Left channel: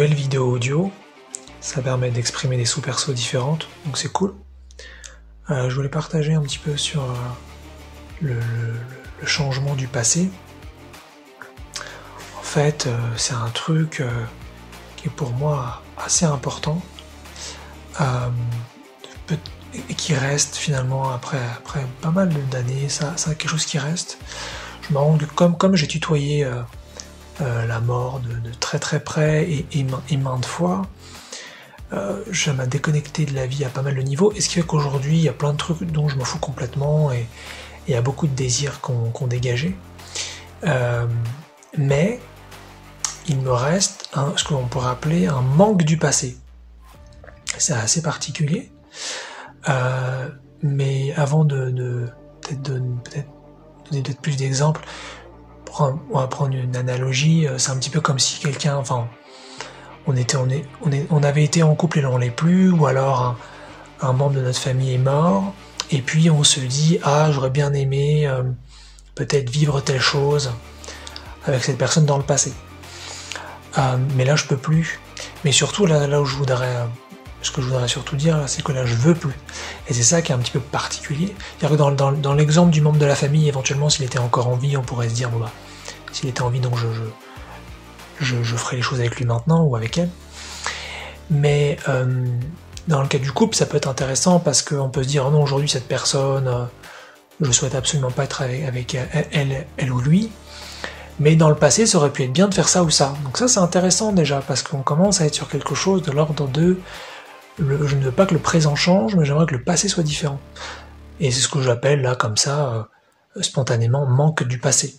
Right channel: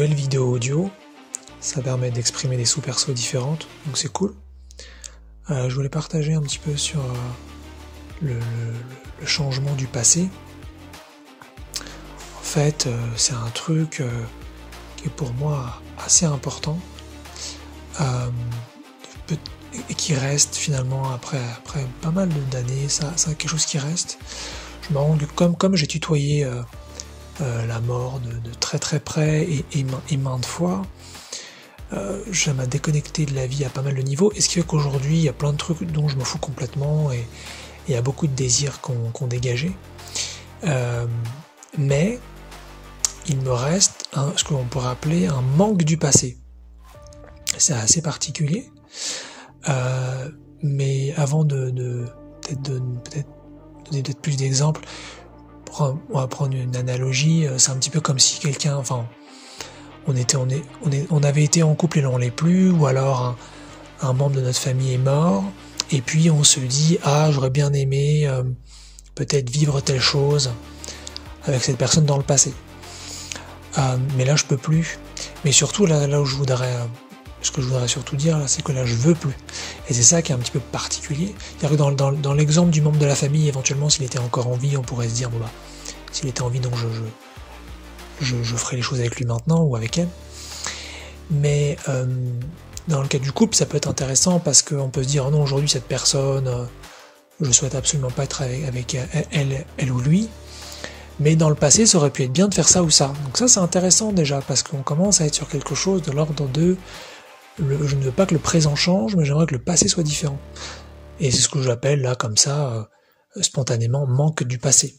nouvelle vidéo audio. Ça permet d'exprimer des sous-persos différentes, donc c'est cool. Je voulais partager un petit peu sur le changement du passé. En fait, c'est un truc qui est pour moi assez important et qui reste finalement après pas mal d'années. Ça quelque chose qui reste. Je me rends compte que comme j'ai tutoyé la mort de très près et maintes fois, je m'ai déconnecté de la vie à pas mal de niveaux, et ce qui fait qu'aujourd'hui il y a plein de trucs dont je m'en fous complètement, et il y a beaucoup de désirs qu'on dégagé. Mais il me reste ce qu'on pourrait appeler un manque du passé. C'est assez particulier. Mais avant de peut-être donner peut-être plus d'exemples, on va prendre une analogie. C'est un petit peu comme si quelqu'un, enfin, on avait été en couple et l'on l'est plus, ou alors un membre de notre famille est mort, et puis on se dit j'aurais bien aimé peut-être vivre telle chose avec cette personne dans le passé. Mais là je peux plus. Mais surtout là où ce que je voudrais surtout dire là, c'est que là je veux plus. Et c'est ça qui est un petit peu particulier. C'est-à-dire que dans l'exemple du membre de la famille, éventuellement s'il était encore en vie, on pourrait se dire s'il était en vie, donc je ferai les choses avec lui maintenant ou avec elle. Mais dans le cas du couple, ça peut être intéressant parce qu'on peut se dire non, aujourd'hui cette personne, je souhaite absolument pas être avec elle ou lui. Mais dans le passé, ça aurait pu être bien de faire ça ou ça. Donc ça, c'est intéressant déjà, parce qu'on commence à être sur quelque chose de l'ordre de je ne veux pas que le présent change, mais j'aimerais que le passé soit différent. Et c'est ce que j'appelle là, comme ça, spontanément, manque du passé.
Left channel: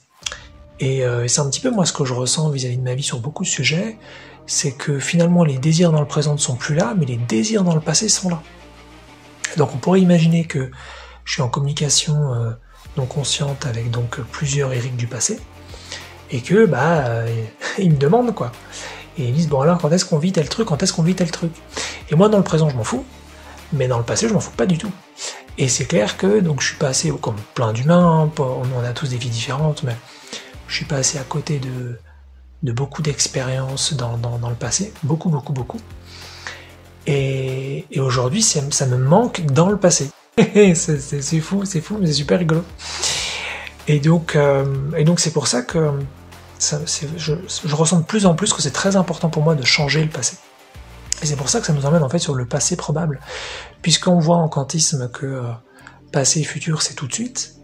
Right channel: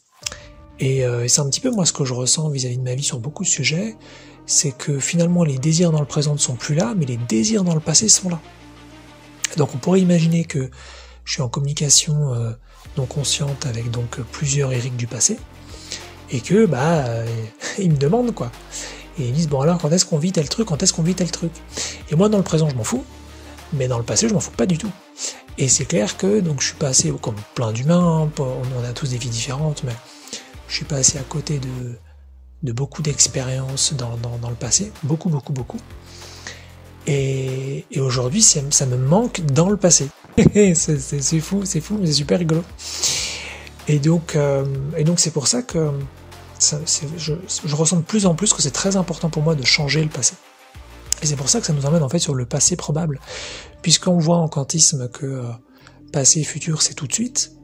Et c'est un petit peu moi ce que je ressens vis-à-vis de ma vie sur beaucoup de sujets, c'est que finalement les désirs dans le présent ne sont plus là, mais les désirs dans le passé sont là. Donc on pourrait imaginer que je suis en communication non consciente avec donc plusieurs Eric du passé, et que ils me demandent quoi. Et ils disent bon alors quand est-ce qu'on vit tel truc, Et moi dans le présent je m'en fous, mais dans le passé je m'en fous pas du tout. Et c'est clair que donc je suis passé comme plein d'humains, on a tous des vies différentes, mais je suis passé à côté de beaucoup d'expériences dans le passé, beaucoup. Et aujourd'hui ça me manque dans le passé. c'est fou, mais c'est super rigolo. Et donc c'est pour ça que je ressens de plus en plus que c'est très important pour moi de changer le passé. Et c'est pour ça que ça nous emmène en fait sur le passé probable, puisqu'on voit en quantisme que passé et futur c'est tout de suite,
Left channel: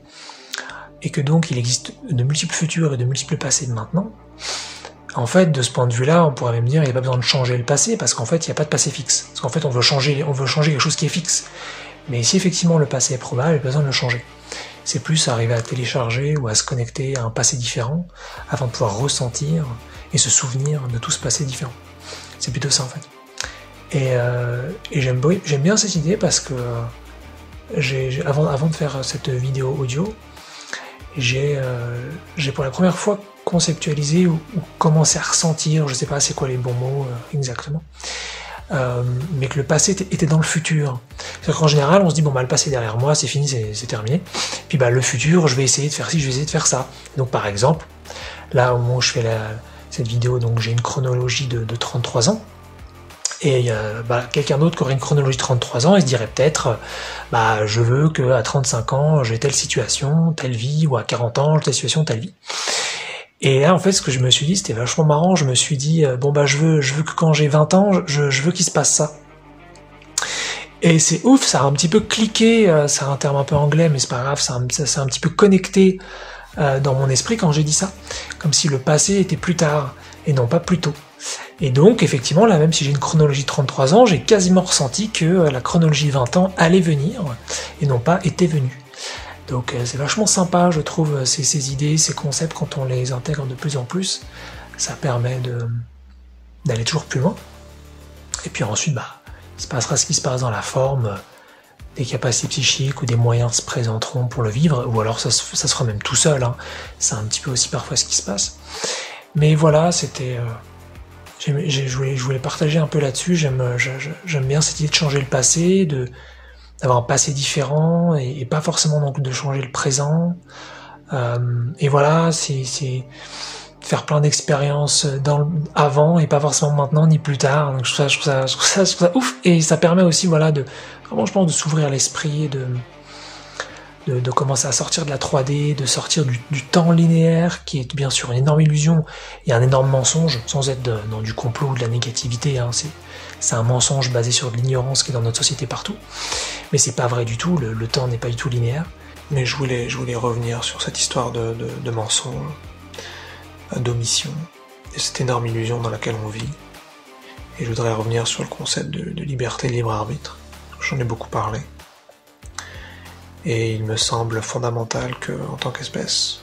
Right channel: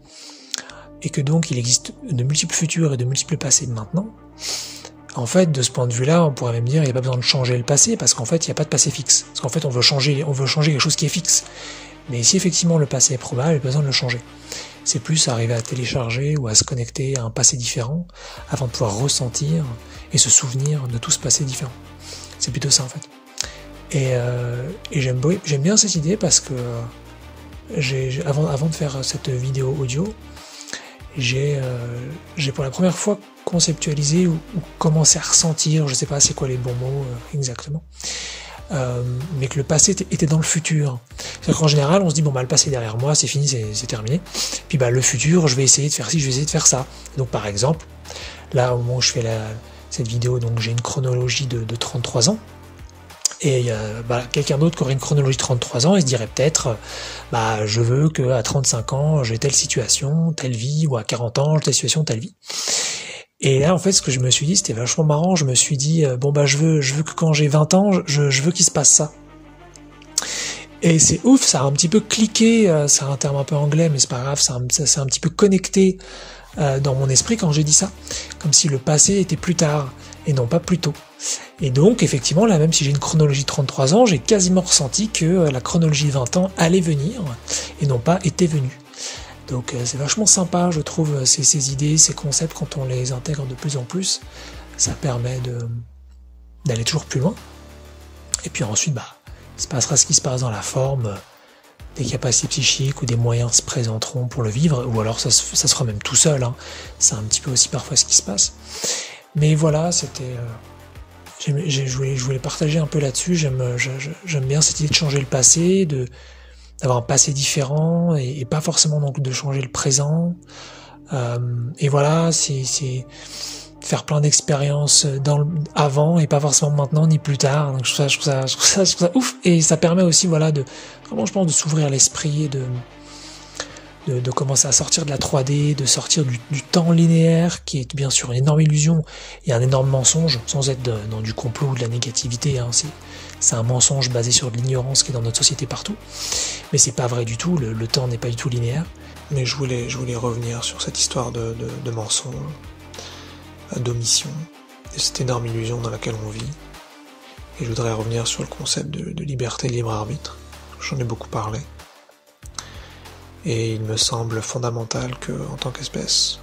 et que donc il existe de multiples futurs et de multiples passés maintenant. En fait, de ce point de vue-là, on pourrait même dire qu'il n'y a pas besoin de changer le passé, parce qu'en fait il n'y a pas de passé fixe. Parce qu'en fait on veut changer quelque chose qui est fixe. Mais si effectivement le passé est probable, il n'y a pas besoin de le changer. C'est plus arriver à télécharger ou à se connecter à un passé différent afin de pouvoir ressentir et se souvenir de tout ce passé différent. C'est plutôt ça en fait. Et j'aime bien cette idée parce que avant de faire cette vidéo audio, j'ai pour la première fois conceptualisé ou commencé à ressentir, je sais pas c'est quoi les bons mots exactement, mais que le passé était dans le futur. C'est-à-dire qu'en général, on se dit bon le passé est derrière moi, c'est fini, c'est terminé. Puis le futur, je vais essayer de faire ci, je vais essayer de faire ça. Donc par exemple, là au moment où je fais cette vidéo, donc j'ai une chronologie de 33 ans. Et quelqu'un d'autre qui aurait une chronologie de 33 ans, il se dirait peut-être je veux qu'à 35 ans, j'ai telle situation, telle vie, ou à 40 ans, j'ai telle situation, telle vie. Et là, en fait, ce que je me suis dit, c'était vachement marrant. Je me suis dit, je veux que quand j'ai 20 ans, je veux qu'il se passe ça. Et c'est ouf, ça a un petit peu cliqué, c'est un terme un peu anglais, mais c'est pas grave, ça s'est un petit peu connecté dans mon esprit quand j'ai dit ça. Comme si le passé était plus tard, et non pas plus tôt. Et donc, effectivement, là, même si j'ai une chronologie de 33 ans, j'ai quasiment ressenti que la chronologie 20 ans allait venir, et non pas était venue. Donc c'est vachement sympa, je trouve, ces idées, ces concepts, quand on les intègre de plus en plus, ça permet d'aller toujours plus loin. Et puis ensuite, il se passera ce qui se passe dans la forme, des capacités psychiques ou des moyens se présenteront pour le vivre, ou alors ça se fera même tout seul, c'est un petit peu aussi parfois ce qui se passe. Mais voilà, c'était... je voulais partager un peu là-dessus, j'aime bien cette idée de changer le passé, d'avoir un passé différent et pas forcément donc de changer le présent. Et voilà, c'est faire plein d'expériences avant et pas forcément maintenant ni plus tard. Donc je trouve ça ouf, et ça permet aussi voilà de vraiment, je pense, de s'ouvrir l'esprit et de commencer à sortir de la 3D, de sortir du temps linéaire qui est bien sûr une énorme illusion et un énorme mensonge, sans être dans du complot ou de la négativité, hein. C'est un mensonge basé sur de l'ignorance qui est dans notre société partout, mais c'est pas vrai du tout, le temps n'est pas du tout linéaire. Mais je voulais revenir sur cette histoire de mensonge, d'omission, et cette énorme illusion dans laquelle on vit. Et je voudrais revenir sur le concept de liberté et libre arbitre. J'en ai beaucoup parlé. Et il me semble fondamental que, en tant qu'espèce,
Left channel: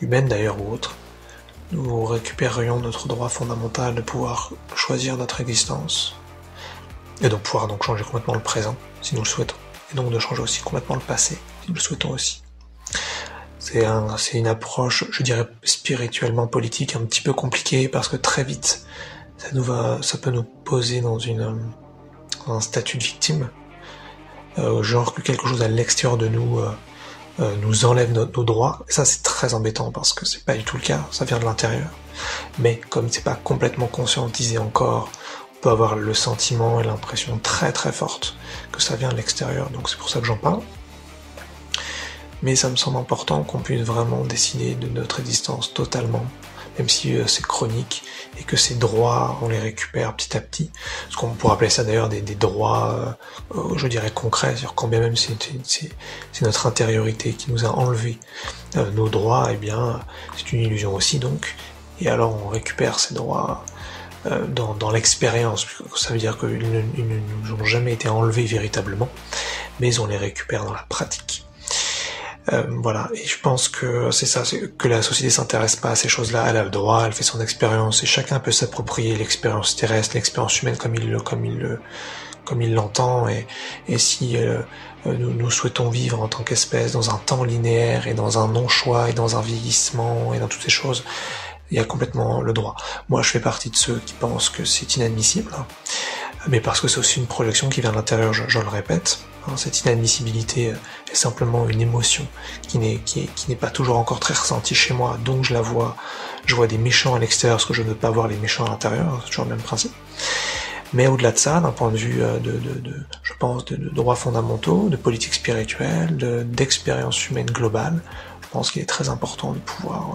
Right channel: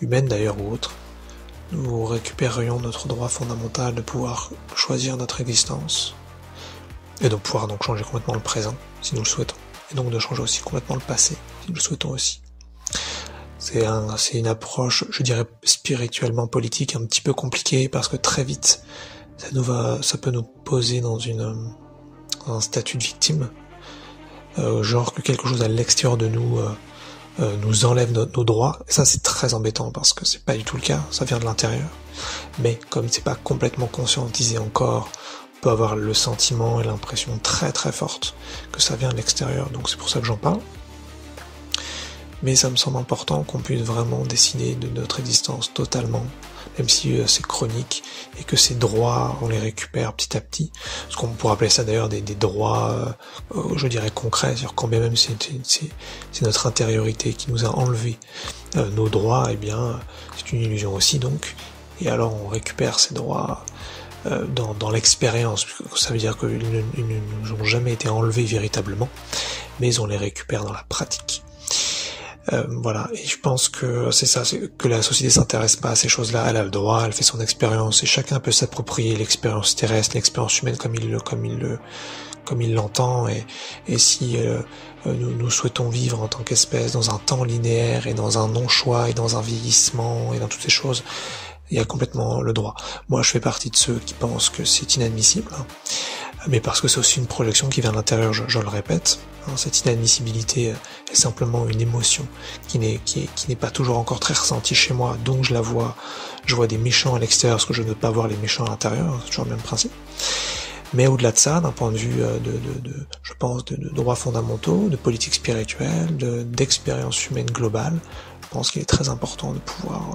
humaine d'ailleurs ou autre, nous récupérerions notre droit fondamental de pouvoir choisir notre existence, et donc pouvoir changer complètement le présent, si nous le souhaitons, et donc de changer aussi complètement le passé, si nous le souhaitons aussi. C'est une approche, je dirais, spirituellement politique un petit peu compliquée, parce que très vite, ça peut nous poser dans un statut de victime, genre que quelque chose à l'extérieur de nous nous enlève nos droits, et ça c'est très embêtant parce que c'est pas du tout le cas, ça vient de l'intérieur. Mais comme c'est pas complètement conscientisé encore, on peut avoir le sentiment et l'impression très très forte que ça vient de l'extérieur, donc c'est pour ça que j'en parle. Mais ça me semble important qu'on puisse vraiment décider de notre existence totalement, même si c'est chronique, et que ces droits, on les récupère petit à petit. Parce qu'on pourrait appeler ça d'ailleurs des droits, je dirais concrets, sur quand bien même c'est notre intériorité qui nous a enlevé nos droits, et bien c'est une illusion aussi donc. Et alors on récupère ces droits dans l'expérience, ça veut dire qu'ils ne nous ont jamais été enlevés véritablement, mais on les récupère dans la pratique. Voilà, et je pense que c'est ça, c'est que la société s'intéresse pas à ces choses-là, elle a le droit, elle fait son expérience, et chacun peut s'approprier l'expérience terrestre, l'expérience humaine comme il l'entend, et si nous souhaitons vivre en tant qu'espèce dans un temps linéaire, et dans un non-choix, et dans un vieillissement, et dans toutes ces choses, il y a complètement le droit. Moi, je fais partie de ceux qui pensent que c'est inadmissible, mais parce que c'est aussi une projection qui vient de l'intérieur, je le répète. Cette inadmissibilité est simplement une émotion qui n'est pas toujours encore très ressentie chez moi, donc je vois des méchants à l'extérieur, parce que je ne veux pas voir les méchants à l'intérieur, c'est toujours le même principe. Mais au-delà de ça, d'un point de vue je pense, de droits fondamentaux, de politique spirituelle, d'expérience humaine globale, je pense qu'il est très important de pouvoir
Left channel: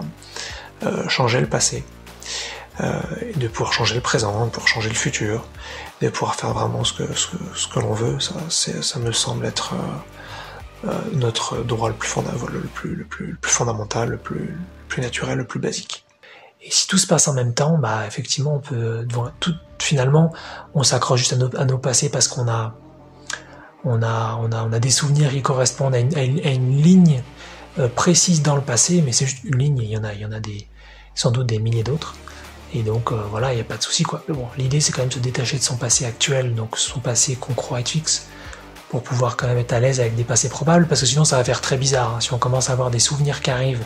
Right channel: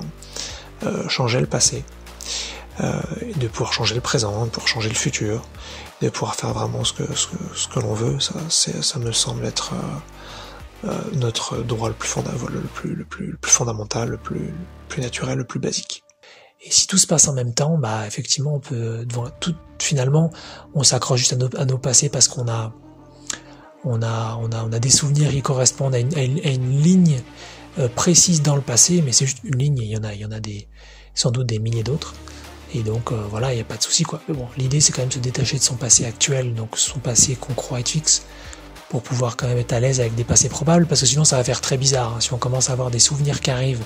changer le passé, de pouvoir changer le présent, de pouvoir changer le futur, de pouvoir faire vraiment ce que l'on veut. Ça me semble être notre droit le plus fondamental, le plus naturel, le plus basique. Et si tout se passe en même temps, bah effectivement on peut finalement on s'accroche juste à nos passés parce qu'on a des souvenirs qui correspondent à une ligne précise dans le passé, mais c'est juste une ligne, il y en a sans doute des milliers d'autres. Et donc voilà, il n'y a pas de souci quoi. Mais bon, l'idée c'est quand même de se détacher de son passé actuel, donc son passé qu'on croit être fixe, pour pouvoir quand même être à l'aise avec des passés probables, parce que sinon ça va faire très bizarre, hein. Si on commence à avoir des souvenirs qui arrivent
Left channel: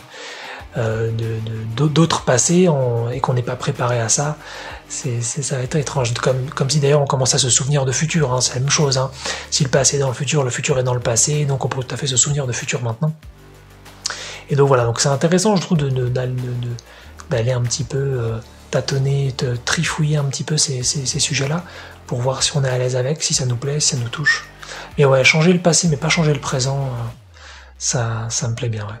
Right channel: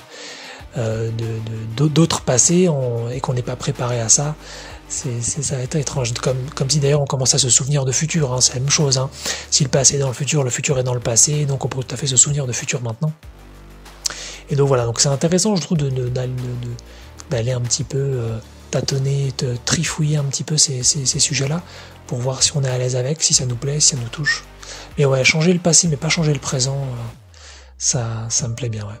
d'autres passés et qu'on n'est pas préparé à ça, ça va être étrange. Comme si d'ailleurs on commence à se souvenir de futur, hein. C'est la même chose, hein. Si le passé est dans le futur est dans le passé, donc on peut tout à fait se souvenir de futur maintenant. Et donc voilà, donc c'est intéressant je trouve d'aller un petit peu tâtonner, trifouiller un petit peu ces sujets-là, pour voir si on est à l'aise avec, si ça nous plaît, si ça nous touche. Mais ouais, changer le passé mais pas changer le présent, ça me plaît bien, ouais.